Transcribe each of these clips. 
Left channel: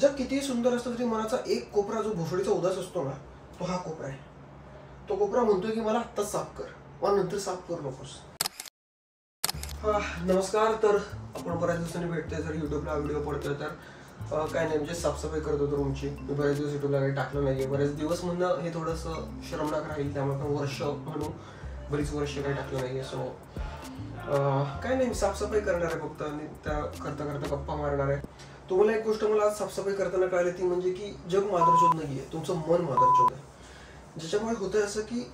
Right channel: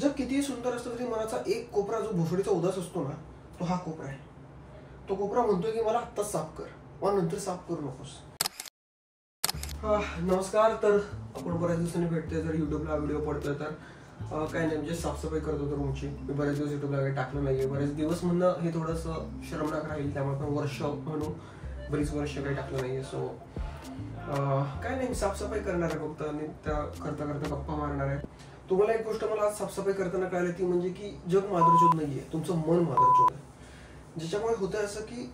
जग कितीही सुंदर असलं तरी मनाचा एक कोपरा जो भोसडीचा उदास असतो ना, तो हा कोपरा आहे. तो कोपरा म्हणतोय की मला आत्ताच साफ कर, पण नंतर साफ करू नकोस. नमस्कार. तर आपण बऱ्याच दिवसांनी भेटतोय. जर युट्यूबला व्हिडिओ पडतोय तर काय नाही, म्हणजे साफसफाई करत होतो रूमची. मी बरेच दिवस युट्यूबला काही टाकलं नाहीये. बरेच दिवस म्हणणं हे थोडंसं शरमनाक राहील, त्यामुळे पण वर्ष म्हणून बरीच वर्ष काही टाकलं नाहीये. सो काय नाही, मी साफसफाई करणार आहे फक्त, आणि त्या करता करता गप्पा मारणार आहे. तुम्हाला एक गोष्ट मला आज साफसफाई करताना कळाली, ती म्हणजे की जग माधुरचोद नाहीये, तुमचं मन माधुरचोद आहे. ज्याच्यामुळे होतंय असं की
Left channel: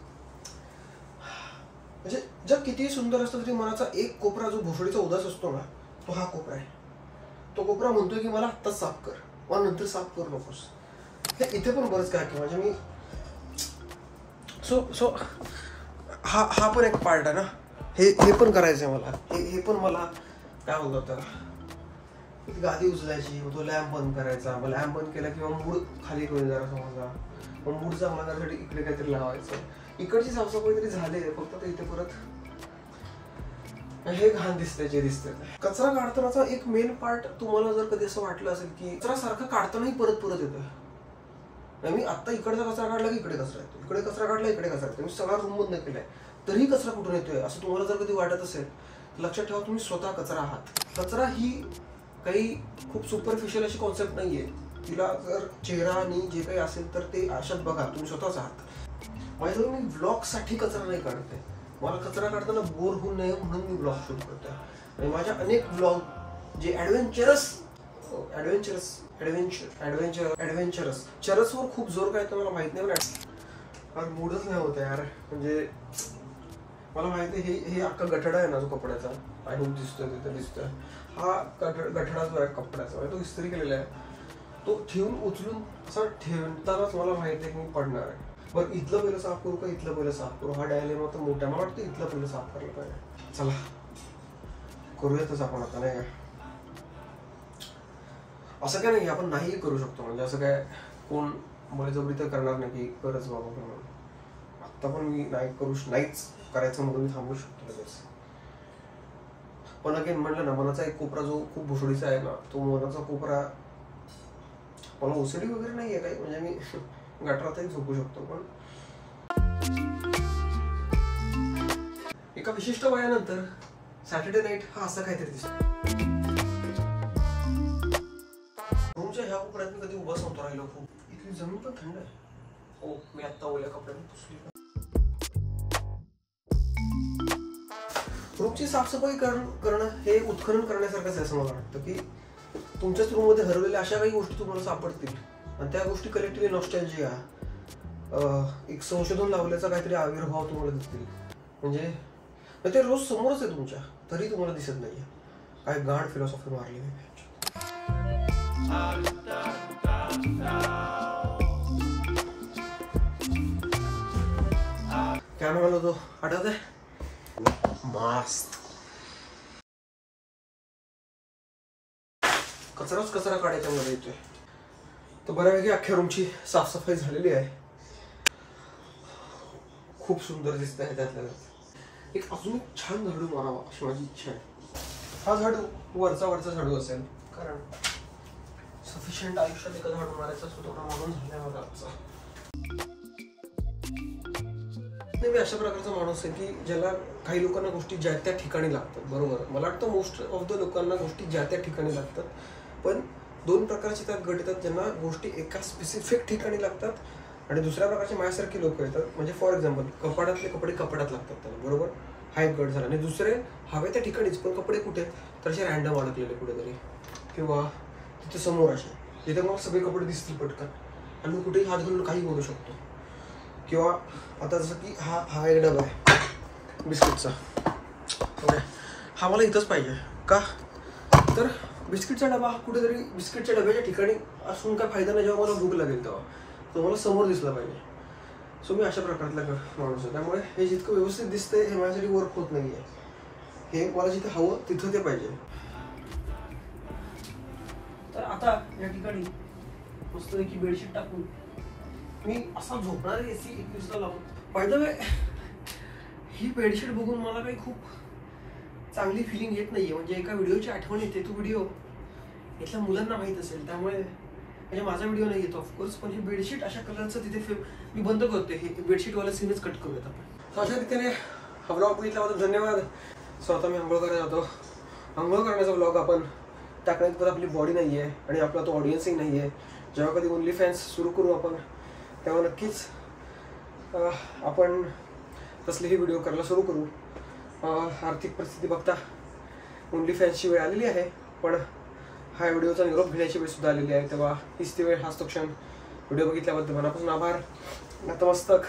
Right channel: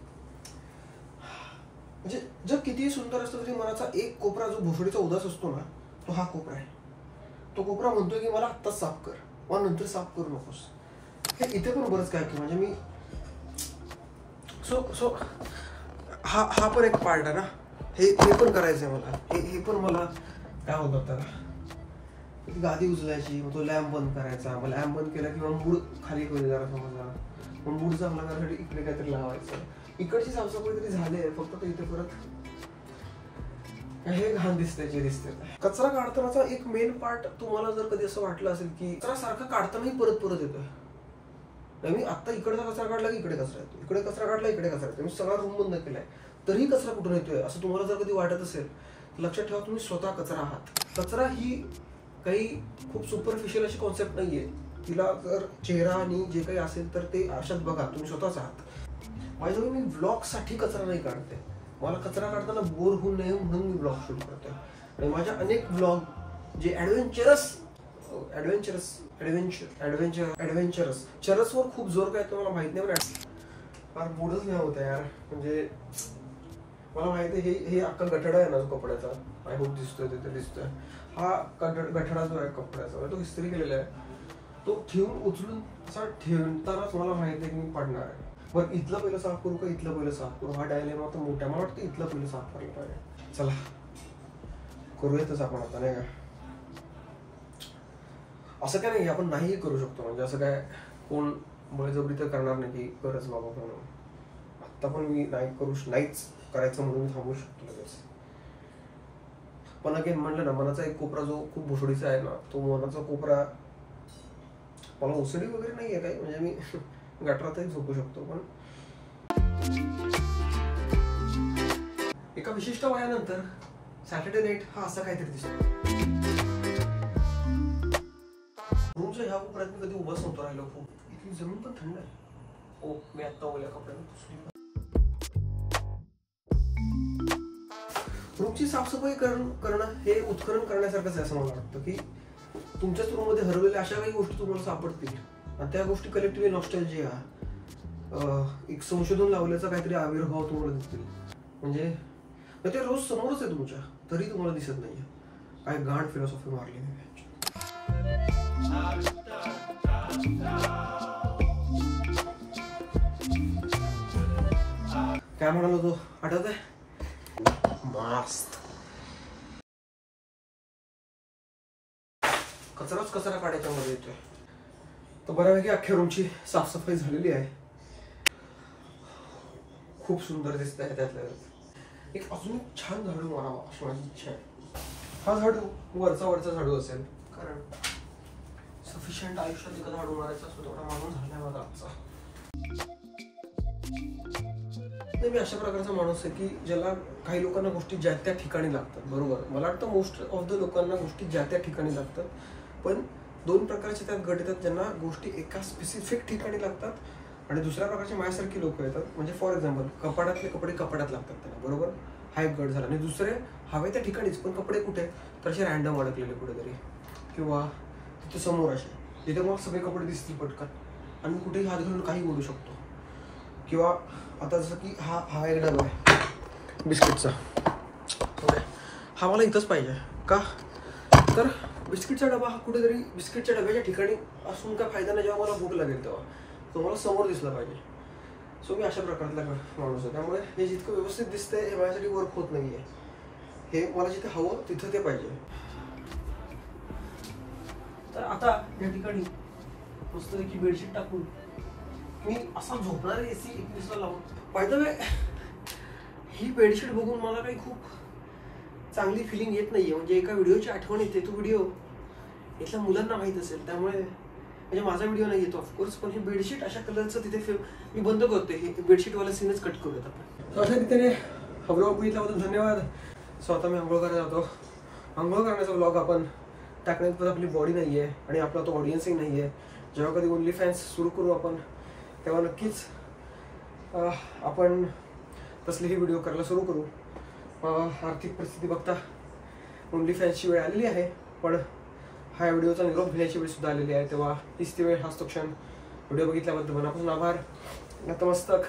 म्हणजे जग कितीही सुंदर असलं तरी मनाचा एक कोपरा जो भोसडीचा उदास असतो ना, तो हा कोपरा आहे. तो कोपरा म्हणतोय की मला आत्ताच साफ कर, पण नंतर साफ करू नकोस. हे इथे पण बरंच काय म्हणजे मी सो हा पण एक पार्ट आहे ना. हे पण करायचंय मला. हे पण मला काय होतं त्याला, गादी उचलायची, मग तो लॅम्प बंद करायचा. मग लॅम्प बंद केला किंवा मूड खाली करून जरा समजा, मग मूड चांगला करण्यासाठी इकडे काहीतरी लावायचं. इकडची साफसफाई तरी झाले, फक्त इथे परत हे घाण दिसते. कचरा काढतानाचा एक मेन पार्ट, तुम्हाला जर कधी असं वाटलं असेल की कचरा सारखा काढतानाही परत येतोय. मी आता इकडचा कचरा काढला की इकडे कचरा येतो, इकडे कचरा काढला इकडे कचरा येतो. मी सगळा रूम बंद केलाय तरीही कचरा कुठून येतोय असं तुम्हाला जर कधी वाटत असेल, लक्षात ठेवा, तुम्ही स्वतः कचरा आहात. कचरा ही काही खूप सुपरफिशियल अशी कॉन्सेप्ट नाहीये. तिला जर चेहरा आणि जे काही असेल तर ते आरशात बघा, तुम्ही स्वतःच आहात. माझ्या मी ब्लॉग साठी कचरा नाही काढते. मला कचरा काढताना बोर होऊ नये म्हणून मी ब्लॉग शूट करतोय. आणि माझ्या अनेक ब्लॉग जे चरसवर खूप जोर काय येतो मला माहित नाही, पण मूडच नाही होत यार. म्हणजे मला माहिती आहे हे अख्खा गठडा आहे ना जो कपड्याचा, आणि दिसतोय तिथे दिसतोय, हा गठडा जो आहे कपड्याचा, तो इस्त्री केलेला आहे. तो ठेवून उचलून असा ठेवतानाच मला माहिती आहे की मी पडणार आहे. बरं, इथलं पहिलं साफ करू का इथलं पहिलं साफ करू, हा डायलेमा तर मोठा. मला वाटतं इथलं पहिलं साफ करायला पाहिजे. चला करूयातच आपण आता, नाही का? असं काय नाही, आपण नाही करू शकतो. म्हणजे असं काय कोण बळजबरी तर करणार नाही की करच बाबा म्हणून. आत्ता पण मी नाहीच करायचं म्हणून मी थांबू शकतो लगेच. पण अगेन म्हणलं ना, मनाचा एक कोपरा जो खूप भुसडीचा आहे ना, तो मनाचा कोपरा, मला ओसडी वगैरे नाही आहे काही, म्हणजे मी गटारातही झोपू शकतो. पण एका विशिष्ट वयानंतर सॅटर्डे नाईट हा असा काहीतरी दिसतो. रूमच्या ह्या कोपऱ्यात मी कधी उभाच नव्हता राहिलो. खूप इथली जमीन पण थंड आहे. ओ, मी आत्ता ओल्या कपड्याने पुसली. रूमची साफसफाई करणं हे उत्खनन करण्यासारखंच आहे असं मला वाटतं. की तुमच्याच रूममध्ये हरवलेल्या अशा काही गोष्टी तुम्हाला सापडतील, आणि त्या गोष्टी कलेक्टिव्हली नॉस्टॅल्जिया, एक संशोधन लावल्याचा काहीतरी आविर्भाव तुम्हाला दिसतील. म्हणजे ते रोज समोरच आहे तुमच्या, तरी तुम्हाला दिसत नाहीये. काय गाढ फिलॉसॉफी मारली नाही. काय म्हणालो तो आठवत आहे? मस्त कचरा काढायच्या मध्ये येतोय. तर बऱ्यापैकी अख्ख्या रूमची साफसफाई झालेली आहे. खूप सुंदर दिसत आहे. त्यातल्या एक अजून एक छान झाडू मारावा अशी माझी इच्छा आहे. हा झाडू वरचा झाडू असेल, कारण सफिशियंट आयुष्यात एका झाडू मारायचा असतो थोडा माणूस झालाय माझा आजचा. मी अशा प्रकारचा माणूस आहे की ज्याला काही लोकांना गोष्टी ज्या त्या ठिकाणी लागतात. बरोबर, मला वाटतं मोस्ट ऑफ द लोकांना गोष्टी ज्या त्या ठिकाणी लागतात. पण दोन प्रकारचे त्यात गट येतात, ज्यांना गोष्टी एका स्पेसिफिक ठिकाणी लागतात, आणि दुसऱ्या प्रकारचे माझ्यासारखी लोक येतात. म्हणजे फॉर एक्झाम्पल, कपाडातले कपडे कपाडात लागतात त्याला, बरोबर, हा एक गट झाला. आणि दुसरे हवे त्या ठिकाणीच, पण कपडे कुठे तर असे रॅन्डम अडकलेले कुठेतरी, किंवा तिथे समोर असे जिथे मला सगळे कपडे दिसतील पटकन, आणि मी कुठेही हात घालून काही बोलू शकतो. किंवा आता जसं की हा एक डबा आहे बिस्किटचा, ओके, हा मला इथंच पाहिजे का, तर बिस्किटचा डबा हा कुठेतरी बिस्किटच्या डब्याच्या ठिकाणी असून काय फायदा नाही. जेव्हा मला भूक लागेल तेव्हा तो मला समोर दिसला पाहिजे. सो मी अशा प्रकारचा माणूस आहे. त्यामुळे हे जितकं व्यवस्थित दिसतंय हे माझ्यासाठी वर्क होत नाहीये. हे मला जिथे हवं तिथं ते पाहिजे. तर आता या ठिकाणी मस्तपैकी बेडशीट टाकून मी असा झोपणार आहे. AC 21 ला लावून. By the way, he bedsheet बघून मला काही खूप चांगली फिलिंग येत नाहीये. म्हणजे एका व्हिडिओची आठवण येते. तो व्हिडिओ इथल्या मुलांना माहित असेल, त्यामुळे म्हणजे माझा व्हिडिओ नाही येतो ऑफकोर्स, पण हे बेडशीट अशा कलरचं तिथे मी बंद करतोय, हे बेडशीटवाला सीनच कट करूयात आपण. अशा रीतीने हा व्लॉग बघितल्याबद्दल धन्यवाद. सो आता मी आंघोळ करायला जातो. आंघोळ करण्याचा व्लॉग आपण टाकण्यात पण आपली बॉडी नाही आहे आणि आपला तो ऑडियन्सही नाही आहे. जेव्हा कधी ओनली फॅन्स सुरू करू आपण तेव्हा नक्कीच आपण तसलेही व्हिडिओ करायला सुरू करू. आर्थिक परिस्थिती बघता ओनली फॅन्सची वेळ आलेली आहे, पण हा व्हिडिओचा निरोप घेण्याची वेळ सुद्धा आलेली आहे. तेव्हा हीच ती वेळ, हाच तो क्षण. व्हिडिओ बघितल्याबद्दल मनापासून आभार. नतमस्तक.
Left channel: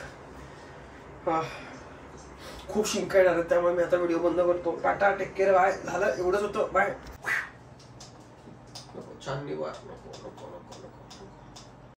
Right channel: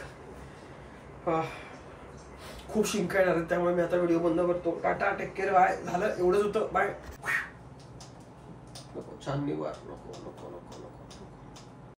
खूप शिंका येणार आहेत त्यामुळे मी आता व्हिडिओ बंद करतो. Tata, take care, bye. झालं एवढंच होतं, बाय. नको चांदणी वार, नको नको नको नको.